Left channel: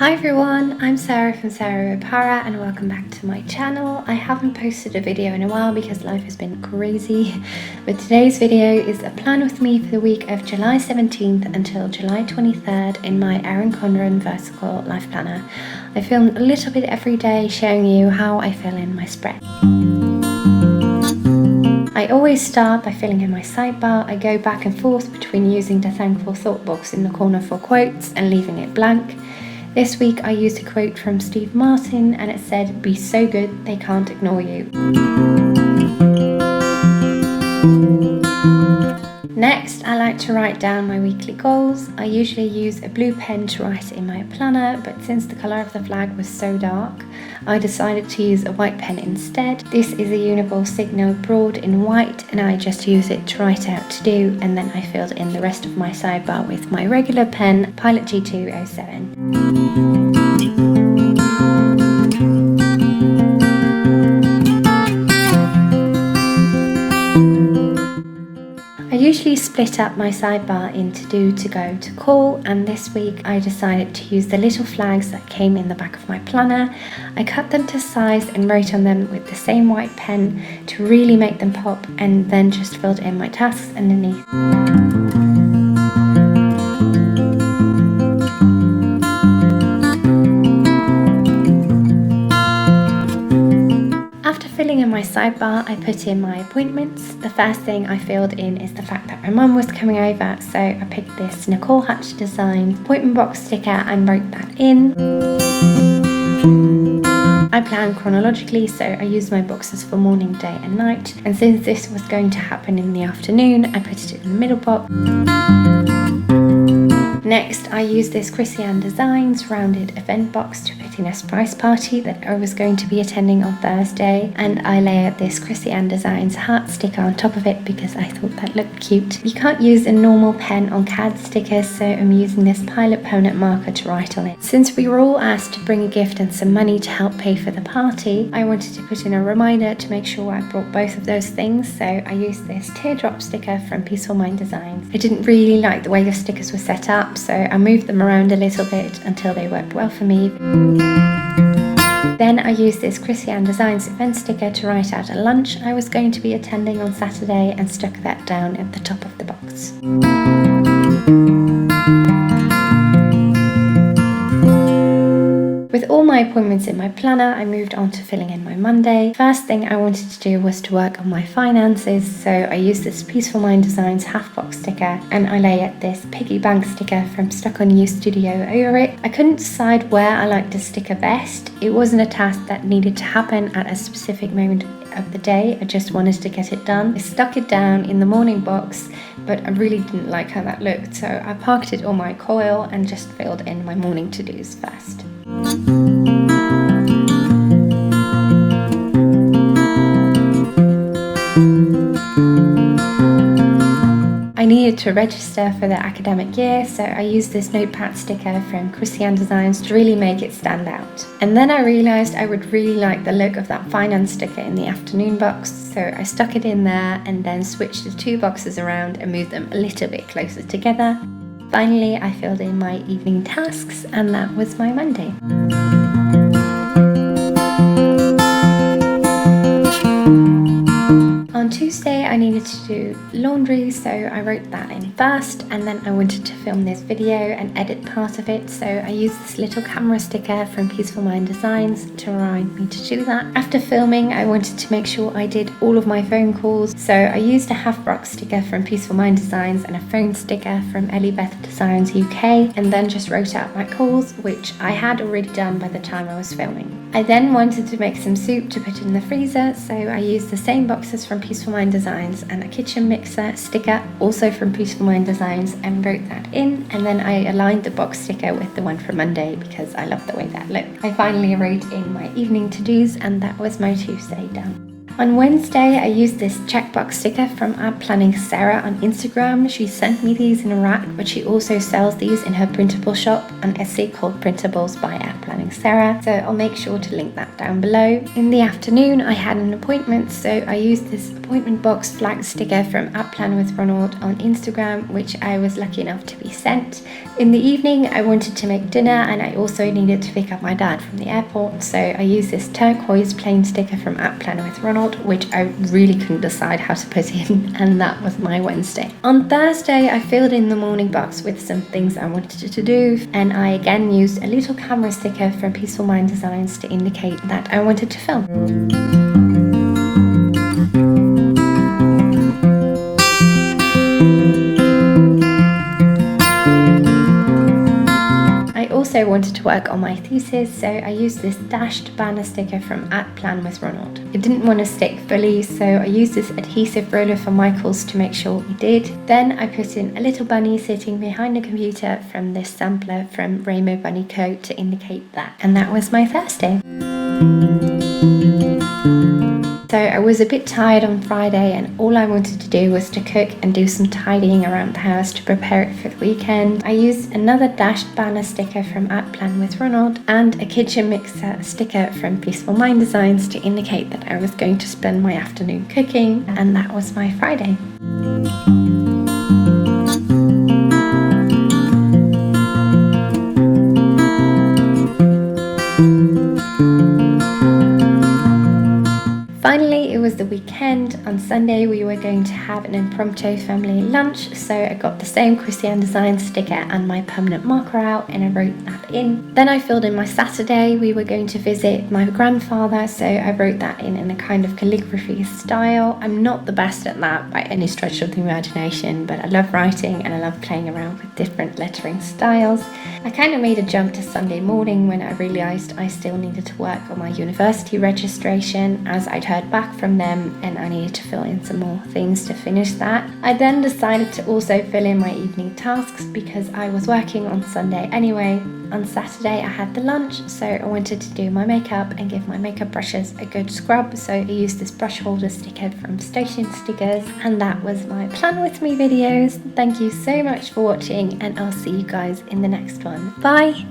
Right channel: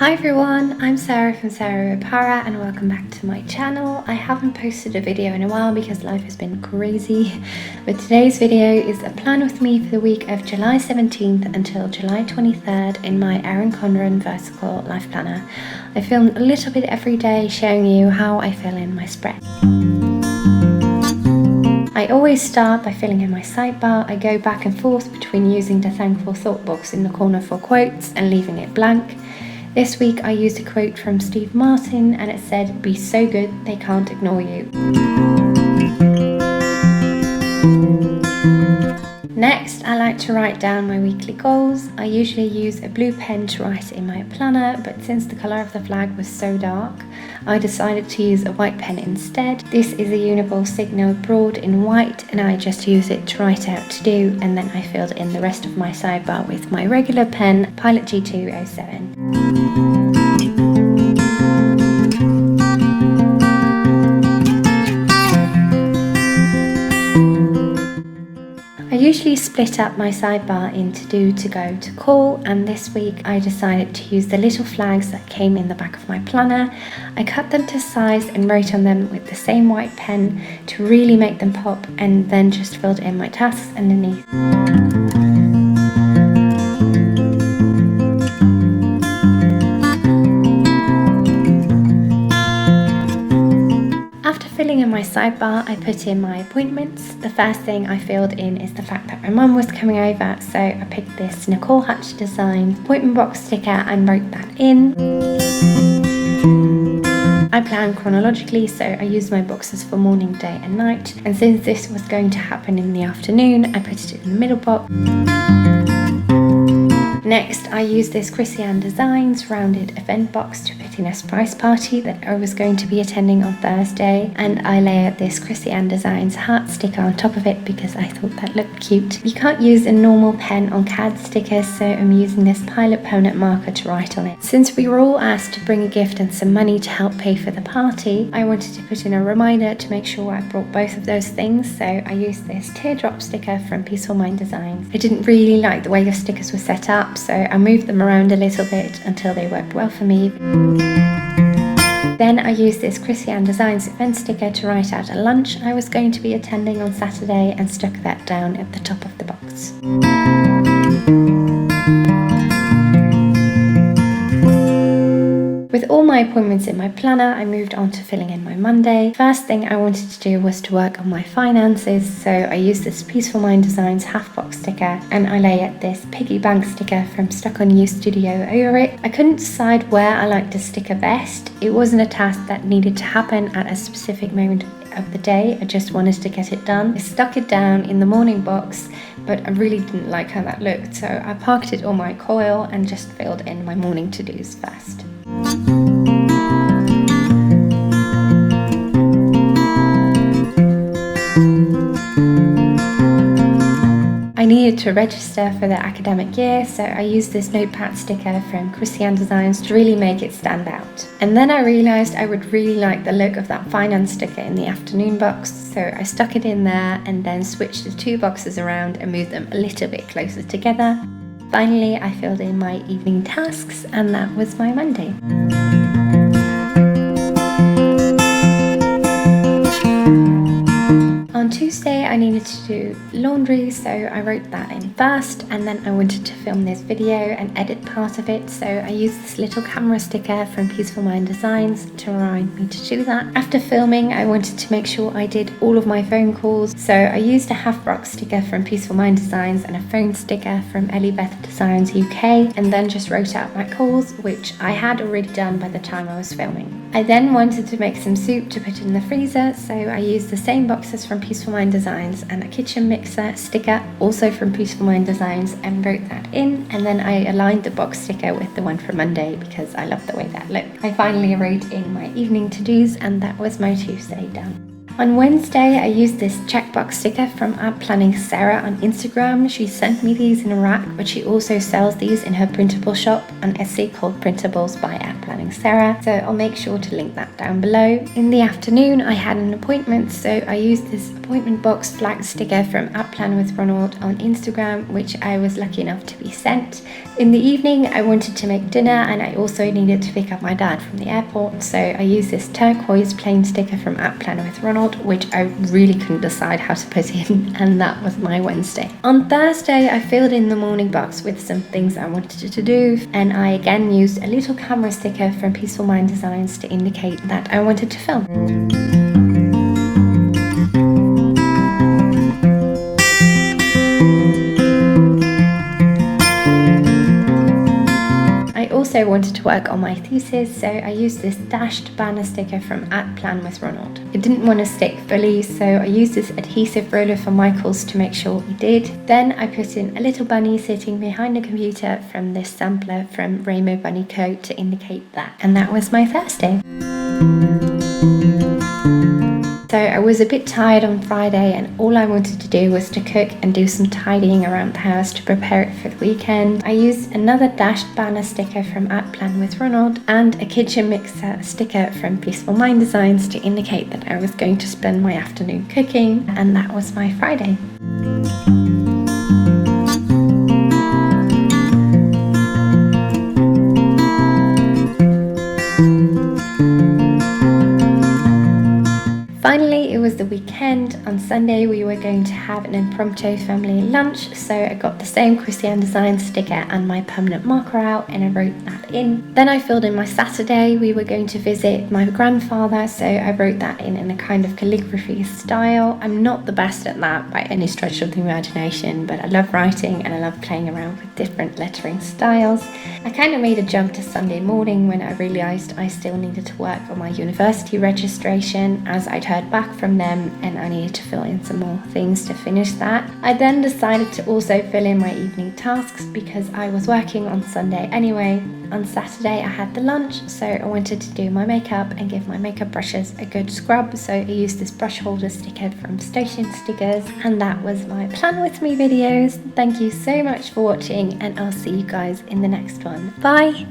Hi everyone, I'm Sarah from sarahboparah and welcome back to my channel. I haven't posted a video in a while because life has been crazy, but today's video is a plan with me for the week of July 17th until July 23rd in my Erin Condren vertical life planner. I film a little bit every day showing you how I fill in my spread. I always start by filling in my sidebar. I go back and forth between using the thankful thought box in the corner for quotes and leaving it blank. This week I used a quote from Steve Martin and it said, "Be so good they can't ignore you." Next, I like to write down my weekly goals. I usually use a blue pen to write in my planner, but since the colour of the flag was so dark, I decided to use a white pen instead. This is a Uniball Signal Broad in white and I just use it to write out to do, and then I filled in the rest of my sidebar with my regular pen, Pilot G207. I usually split up my sidebar into do, to go, to call, and this week I decided to use the little flags that came in the back of my planner. I cut them to size and wrote on them with the same white pen to really make them pop, and then just filled in my tasks underneath. After filling in my sidebar, I put in my appointments. The first thing I filled in is the fact that my mum was coming over, so I picked this Nicole Hatch Design appointment box sticker and wrote that in. I plan chronologically, so I used my boxes for morning, day and night, and since this was going to happen in the afternoon, I put it in the middle box. Next, I used this Peacefulmind Designs rounded event box to put in a surprise party that I was going to be attending on Thursday, and I layered this Peacefulmind Designs heart sticker on top of it because I thought that looked cute. You can't use a normal pen on CAD stickers, so I'm using this Pilot permanent marker to write on it. Since we were all asked to bring a gift and some money to help pay for the party, I wanted to put in a reminder to make sure I brought both of those things, so I used this Teardrop Sticker from Peacefulmind Designs. I didn't really like the way the stickers were set up, so I moved them around a little bit until they worked well for me. Then I used this Peacefulmind Designs event sticker to write out a lunch I was going to be attending on Saturday and stuck that down at the top of the box. With all my appointments in my planner, I moved on to filling in my Monday. First thing I wanted to do was to work on my finances, so I used this Peacefulmind Designs half box sticker and I layered this piggy bank sticker from Stuck on You Studio over it. I couldn't decide where I liked the sticker best. It wasn't a task that needed to happen at a specific moment of the day, I just wanted to get it done. I stuck it down in the morning box, but I really didn't like how that looked, so I parked it on my coil and just filled in my morning to-dos first. I needed to register for the academic year, so I used this notepad sticker from Peacefulmind Designs to really make it stand out. And then I realised I would really like the look of that finance sticker in the afternoon box, so I stuck it in there and then switched the two boxes around and moved them a little bit closer together. Finally, I filled in my evening tasks and that was my Monday. On Tuesday I needed to do laundry, so I wrote that in first, and then I wanted to film this video and edit part of it, so I used this little camera sticker from Peacefulmind Designs to remind me to do that. After filming, I wanted to make sure I did all of my phone calls, so I used a half box sticker from Peacefulmind Designs and a phone sticker from EllieBeth Designs UK, and then just wrote out my calls, which I had already done by the time I was filming. I then wanted to make some soup to put in the freezer, so I used the same boxes from Peacefulmind Designs and a kitchen mixer sticker also from Peacefulmind Designs and wrote that in, and then I aligned the box sticker with the one for Monday because I love the way that looked. I finally wrote in my evening to-dos and that was my Tuesday done. On Wednesday, I used this checkbox sticker from Planning Sarah on Instagram. She sent me these in a rack, but she also sells these in her printable shop on Etsy called Printables by Planning Sarah. So I'll make sure to link that down below. In the afternoon, I had an appointment, so I used this appointment box flag sticker from Plan with Ronald on Instagram, which I was lucky enough to be sent. In the evening, I wanted to make dinner and I also needed to pick up my dad from the airport, so I used this turquoise plain sticker from Planner with Ronald, which I really couldn't decide how to put in, and that was my Wednesday. On Thursday, I filled in the morning box with some things I wanted to do, and I again used a little camera sticker from Peacefulmind Designs to indicate that I wanted to film. I also wanted to work on my thesis, so I used this dashed banner sticker from Plan with Ronald. It didn't want to stick fully, so I used this adhesive roller from Michaels to make sure it did. Then I put in a little bunny sitting behind the computer from this sampler from Rainbow Bunny Co. to indicate that. And that was my Thursday. So I was a bit tired on Friday and all I wanted to do was to cook and do some tidying around the house to prepare it for the weekend. I used another dashed banner sticker from Plan with Ronald and a kitchen mixer sticker from Peacefulmind Designs to indicate that I was going to spend my afternoon cooking, and that was my Friday. Finally, it was the weekend. On Sunday, we were going to have an impromptu family lunch, so I got the same Christian Design sticker and my permanent marker out and I wrote that in. Then I filled in my Saturday. We were going to visit my grandfather, so I wrote that in a kind of calligraphy style. I'm not the best at that by any stretch of the imagination, but I love writing and I love playing around with different lettering styles. I kind of made a jump to Sunday morning when I realised I still needed to work on my university registration, as I'd heard back from them and I needed to fill in some more things to finish that. I then decided to also fill in my evening tasks because I was working on Sunday anyway. On Saturday I had the lunch, so I wanted to do my makeup and give my makeup brushes a good scrub, so I used this brush holder sticker from Station Stickers, and that was my Plan With Me videos. Thank you so much for watching and I'll see you guys in the next one. Bye!